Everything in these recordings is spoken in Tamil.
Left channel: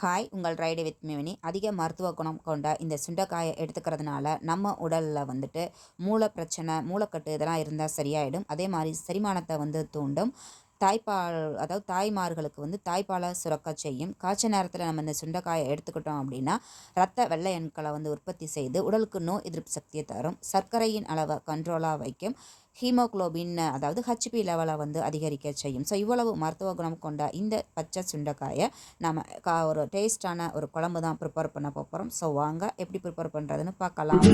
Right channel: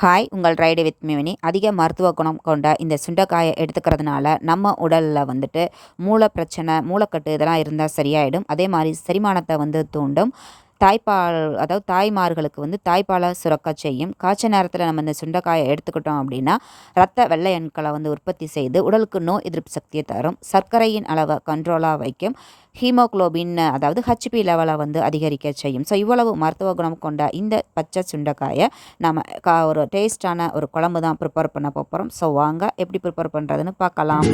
ஹாய் உங்கள் ரைடு வித் மிவினி அதிக மருத்துவ குணம் கொண்ட இந்த சுண்டைக்காயை எடுத்துக்கிறதுனால நம்ம உடலில் வந்துட்டு மூளை பிரச்சனை மூளைக்கட்டு இதெல்லாம் இருந்தால் சரியாயிடும். அதே மாதிரி செரிமானத்தை வந்து தூண்டும். தாய்ப்பால் அதாவது தாய்மார்களுக்கு வந்து தாய்ப்பாலை சுரக்க செய்யும். காய்ச்ச நேரத்தில் நம்ம இந்த சுண்டைக்காயை எடுத்துக்கிட்டோம் அப்படின்னா ரத்த வெள்ளை எண்களை வந்து உற்பத்தி செய்து உடலுக்கு நோய் எதிர்ப்பு சக்தியை தரும். சர்க்கரையின் அளவை கண்ட்ரோலாக வைக்கும். ஹீமோக்ளோபின் அதாவது ஹச்பி லெவலை வந்து அதிகரிக்க செய்யும். ஸோ இவ்வளவு மருத்துவ குணம் கொண்ட இந்த பச்சை சுண்டைக்காயை நம்ம கா ஒரு டேஸ்டான ஒரு குழம்பு தான் ப்ரிப்பேர் பண்ண போகிறோம் ஸோ வாங்க எப்படி ப்ரிப்பேர் பண்ணுறதுன்னு பார்க்கலாம்.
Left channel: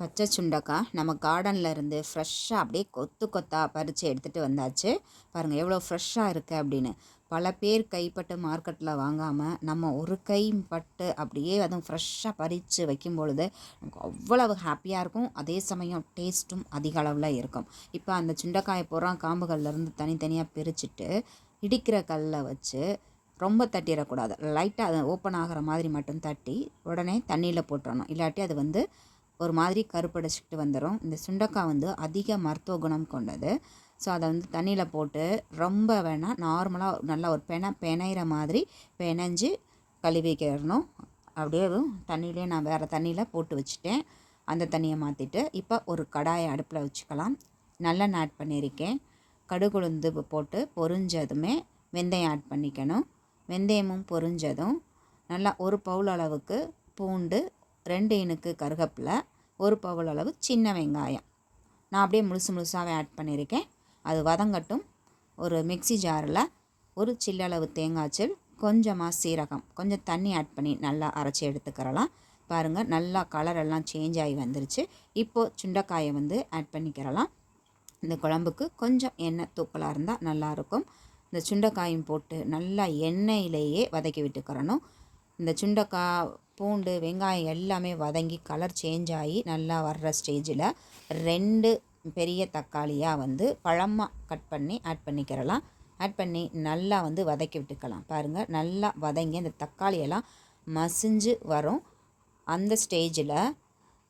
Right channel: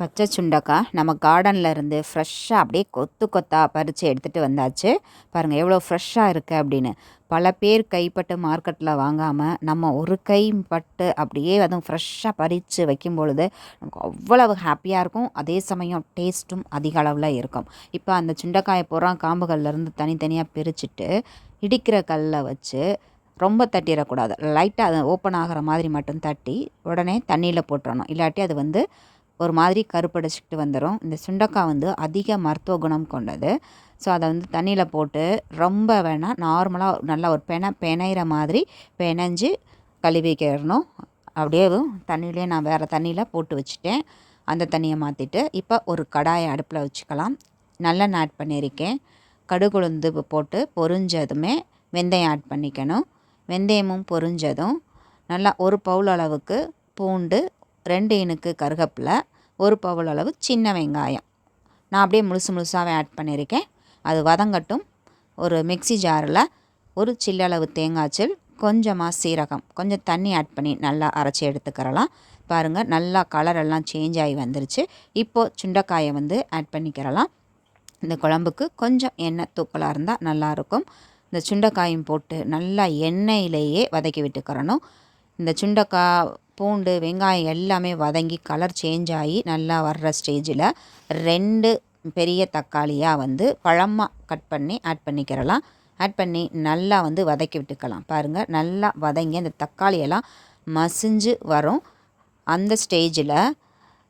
பச்சை சுண்டக்காய் நம்ம கார்டனில் இருந்து ஃப்ரெஷ்ஷாக அப்படியே கொத்து கொத்தாக பறித்து எடுத்துகிட்டு வந்தாச்சு. பாருங்கள் எவ்வளோ ஃப்ரெஷ்ஷாக இருக்குது அப்படின்னு. பல பேர் கைப்பட்டு மார்க்கெட்டில் வாங்காமல் நம்ம ஒரு கை பட்டு அப்படியே அதுவும் ஃப்ரெஷ்ஷாக பறித்து வைக்கும் பொழுது நமக்கு அவ்வளவு ஹாப்பியாக இருக்கும். அதே சமயம் டேஸ்ட்டும் அதிக அளவில் இருக்கும். இப்போ அந்த சுண்டைக்காயை பூரா காம்புகள்லேருந்து தனித்தனியாக பிரிச்சுட்டு இடிக்கிற கல்லில் வச்சு ரொம்ப தட்டிடக்கூடாது. லைட்டாக அது ஓப்பன் ஆகிற மாதிரி மட்டும் தட்டி உடனே தண்ணியில் போட்டுறணும். இல்லாட்டி அது வந்து ஒரு மாதிரி கருப்படைச்சிக்கிட்டு வந்துடும் இந்த சுண்டக்காய் வந்து அதிக மருத்துவ குணம் கொண்டது. ஸோ அதை வந்து தண்ணியில் போட்டு ரொம்ப வேணால் நார்மலாக நல்லா ஒரு பெனை பெனைகிற மாதிரி பெனைஞ்சு கழுவிக்கிறணும் அப்படியே தண்ணியிலே நான் வேறு தண்ணியில் போட்டு வச்சுட்டேன். அந்த தண்ணியை மாற்றிட்டு இப்போ ஒரு கடாயை அடுப்பில் வச்சுக்கலாம். நல்லெண்ணெய் ஆட் பண்ணியிருக்கேன். கடுகுளுந்து போட்டு பொரிஞ்சதுமே வெந்தயம் ஆட் பண்ணிக்கணும். வெந்தயமும் பொரிஞ்சதும் நல்லா ஒரு பவுல் அளவுக்கு பூண்டு ரெண்டு இனுக்கு கருகப்பில் ஒரு பவுல் அளவு சின்ன வெங்காயம். நான் அப்படியே முழுசு முழுசாகவே ஆட் பண்ணியிருக்கேன். அது வதங்கட்டும். ஒரு மிக்சி ஜாரில் ஒரு சில்லளவு தேங்காய்ச்சல் கொஞ்சமாக சீரகம் கொஞ்சம் தண்ணி ஆட் பண்ணி நல்லா அரைச்சி எடுத்துக்கிறலாம். பாருங்கள் நல்லா கலரெல்லாம் சேஞ்ச் ஆகி வந்துருச்சு. இப்போது சுண்டைக்காயை வந்து ஆட் பண்ணிக்கிறலாம். இந்த குழம்புக்கு கொஞ்சம் எண்ணெய் தூக்கலாக இருந்தால் நல்லாயிருக்கும் இந்த சுண்டைக்காயும் போட்டு நல்லா எண்ணெயிலேயே வதக்கி விட்டுக்கிறணும். இந்த சுண்டைக்காய் பூண்டு வெங்காயம் எல்லாமே வதங்கி கலர் சேஞ்ச் ஆகி நல்லா வர்ற ஸ்டேஜில் ரெண்டு பெரிய தக்காளியாக வந்து பழமாக கட் பண்ணி ஆட் பண்ணிக்கிறலாம். ஆட் பண்ணி நல்லா வந்து வதக்கி விட்டுக்கலாம். பாருங்கள் நல்லா வதங்கி அந்த தக்காளியெல்லாம் மசிஞ்சு வரும். அந்த ஸ்டேஜில்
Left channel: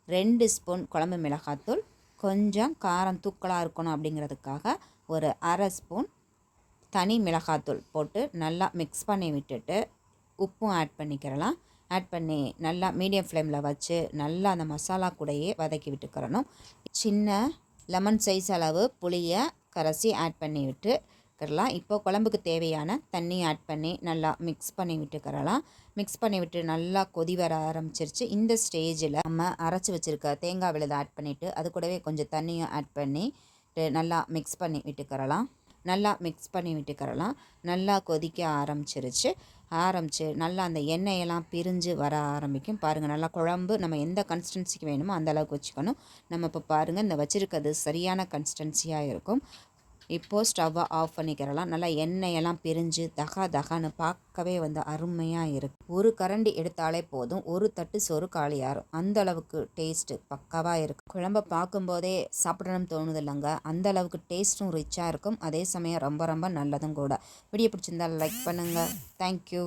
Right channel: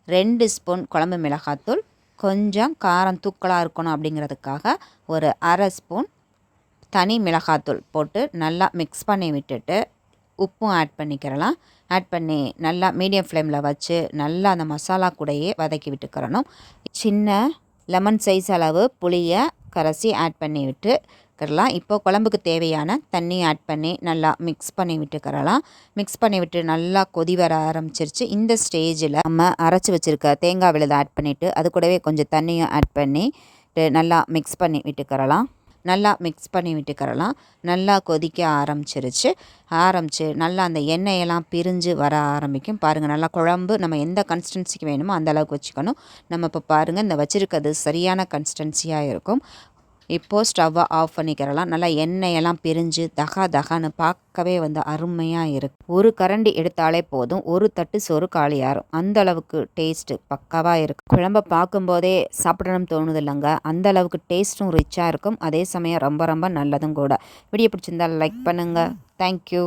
ரெண்டு ஸ்பூன் குழம்பு மிளகாத்தூள் கொஞ்சம் காரம் தூக்கலாக இருக்கணும் அப்படிங்கிறதுக்காக ஒரு அரை ஸ்பூன் தனி மிளகாத்தூள் போட்டு நல்லா மிக்ஸ் பண்ணி விட்டுட்டு உப்பும் ஆட் பண்ணிக்கிறலாம். ஆட் பண்ணி நல்லா மீடியம் ஃப்ளேமில் வச்சு நல்லா அந்த மசாலா கூடையே வதக்கி விட்டுக்கிறணும். சின்ன லெமன் சைஸ் அளவு புளியை கரைசி ஆட் பண்ணி விட்டு விட்டுக்கிறலாம். இப்போ குழம்புக்கு தேவையான தண்ணி ஆட் பண்ணி நல்லா மிக்ஸ் பண்ணி விட்டுக்கிறலாம். மிக்ஸ் பண்ணி விட்டு நல்லா கொதி வர ஆரம்பிச்சிருச்சு. இந்த ஸ்டேஜில் நம்ம அரைச்சி வச்சுருக்க தேங்காய் விழுதை ஆட் பண்ணிவிட்டு அது கூடவே கொஞ்சம் தண்ணியும் ஆட் பண்ணி நல்லா மிக்ஸ் பண்ணி விட்டுக்கிறலாம். நல்லா மிக்ஸ் பண்ணி விட்டுக்கிறலாம். நல்லா கொதிக்க ஆரம்பிச்சிருச்சு. ஆரம்பித்து நல்லா அந்த எண்ணெயெல்லாம் பிரிஞ்சு வர ஆரம்பிக்கும். பாருங்கள் நல்லா குழம்பு நம்ம எந்த கன்சிஸ்டன்சிக்கு வேணுமோ அந்த அளவுக்கு வச்சுக்கணும். நம்ம இப்போ பாருங்கள் இந்த வச்சுருக்கிறது சரியான கன்சிஸ்டன்சியாக இருக்கும். இப்போது ஸ்டவ்வை ஆஃப் பண்ணிக்கிறலாம். நல்லா எண்ணெயெல்லாம் பிரிஞ்சு தகா தகான்னு பார்க்கவே வந்து அருமையாக இருக்குது ஒரு கரண்டி எடுத்தாலே போதும். ஒரு தட்டு சோறு காலியாகும் அந்த அளவுக்கு டேஸ்ட்டு பக்காவாக இருக்கும் குழம்ப பார்க்கும்போதே சாப்பிடணும் தோணுது இல்லைங்க அந்த அளவுக்கு டேஸ்ட்டும் ரிச்சாக இருக்கும். அதே சமயம் ரொம்ப ரொம்ப நல்லதும் கூட. வீடியோ பிடிச்சிருந்தால் லைக் பண்ணுங்கள் தேங்க்யூ